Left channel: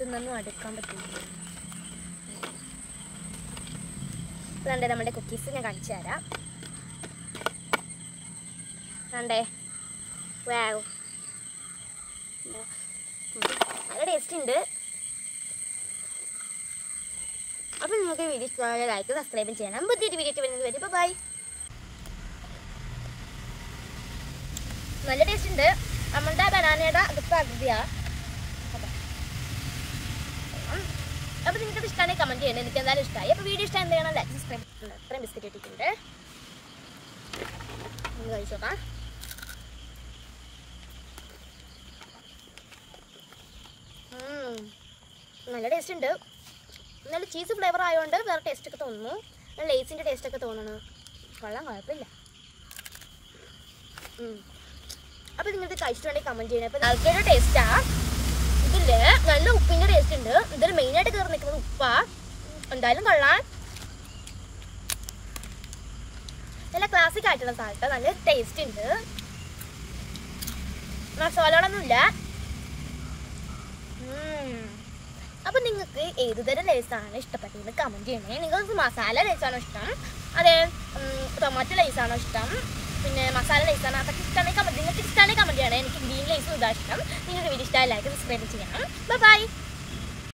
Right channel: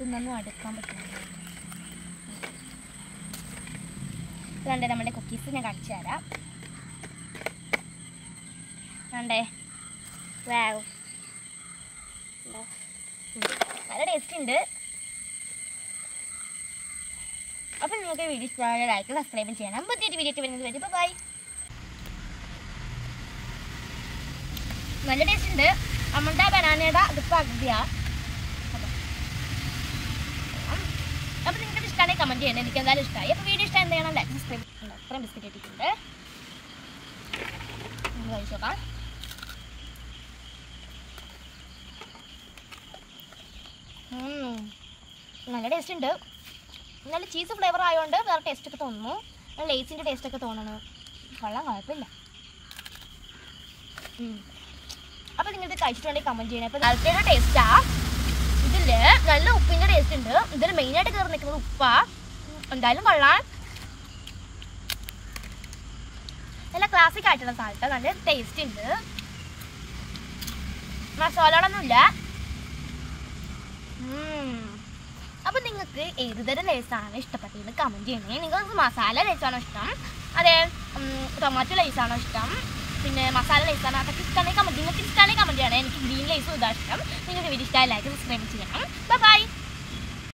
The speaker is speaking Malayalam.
ഇതൊന്നും അടുക്കാൻ പറ്റില്ല. അതുകൊണ്ട് നമ്മുടെ കുക്കീസ് ഞാൻ കാണിച്ചു തരാം. വേണ്ടേ? വാവ്, നല്ല ടേസ്റ്റ് ഉണ്ട്. അപ്പോൾ നിങ്ങൾക്ക് വീഡിയോ ഇഷ്ടമായ ലൈക്ക് സബ്സ്ക്രൈബ് ചെയ്യണം. പുതിയൊരു വീഡിയോ വരുന്നത് വരെ ബൈ. നല്ല ടേസ്റ്റ് ഉണ്ട്. നമ്മുടെ ബനാനയുടെ അത് പകുതിയാണ്. അപ്പോൾ നിങ്ങൾക്ക് ഇഷ്ടമാണെങ്കിൽ കമൻറ്റ് ചെയ്യണം. എനിക്ക് എന്തായാലും ഇഷ്ടമായി. അപ്പോൾ വീഡിയോ ഇഷ്ടം എന്ത് ചെയ്യണം? ലൈക്ക് സബ്സ്ക്രൈബ് ചെയ്യണം. അത്രയും ബിസ്ക്കറ്റ് ഇട്ടിട്ടുണ്ട്. ഒന്ന് കഴിച്ചോക്കാം. നല്ല ടേസ്റ്റ് ഉണ്ട്. നല്ല ചീസ് ഫ്ലേവർ ആയതുകൊണ്ട് വേറെ ടേസ്റ്റൊക്കെ തോന്നുന്നു. ലേസിൻ്റെ ടേസ്റ്റൊക്കെ തോന്നുന്നു. കൊള്ളാം, കുഴപ്പമില്ല. അപ്പോൾ നിങ്ങൾക്ക് കഴിച്ചിട്ടുണ്ടെങ്കിൽ കമൻറ്റ് ചെയ്യണം. അപ്പോൾ അതിൻ്റെ ടേസ്റ്റാണ്. ഇതിൽ നല്ല ഉപ്പിൻ്റെ ടേസ്റ്റ് ഉണ്ട്. ഇതിൽ മെയിനായിട്ട് കയറി നിൽക്കുന്നത് ഉപ്പാണ്. എന്തായാലും കൊള്ളാം. നല്ല ക്ലാസിക് ആയിട്ടുള്ള സാധനം. നല്ല ടേസ്റ്റ് ഉണ്ട്. മസാലകളൊന്നുമില്ല. അപ്പോൾ നിങ്ങൾക്ക് ഏതുതരം ലേസാണ് ഇഷ്ടപ്പെട്ടത് കമൻറ്റ് ചെയ്യണേ. നിങ്ങൾക്ക് മസാല ലേസാണോ ഇഷ്ടം, അതെ ടൊമാറ്റോ ലേസാണോ ഇഷ്ടം, പിന്നെ മസാല ലേസാണ്, അതൊക്കെ ഇഷ്ടമാണെങ്കിൽ കമൻറ്റ്. നിങ്ങൾക്ക് ഇഷ്ടമാണെങ്കിൽ കമൻറ്റ് ചെയ്യണേ. എനിക്ക് ഗ്രീൻ ലേസും ഇതാണ് ഇഷ്ടം. നിങ്ങൾക്ക് വീഡിയോ ഇഷ്ടമായി ലൈക്ക് സബ്സ്ക്രൈബ് ചെയ്യണം. ബൈ.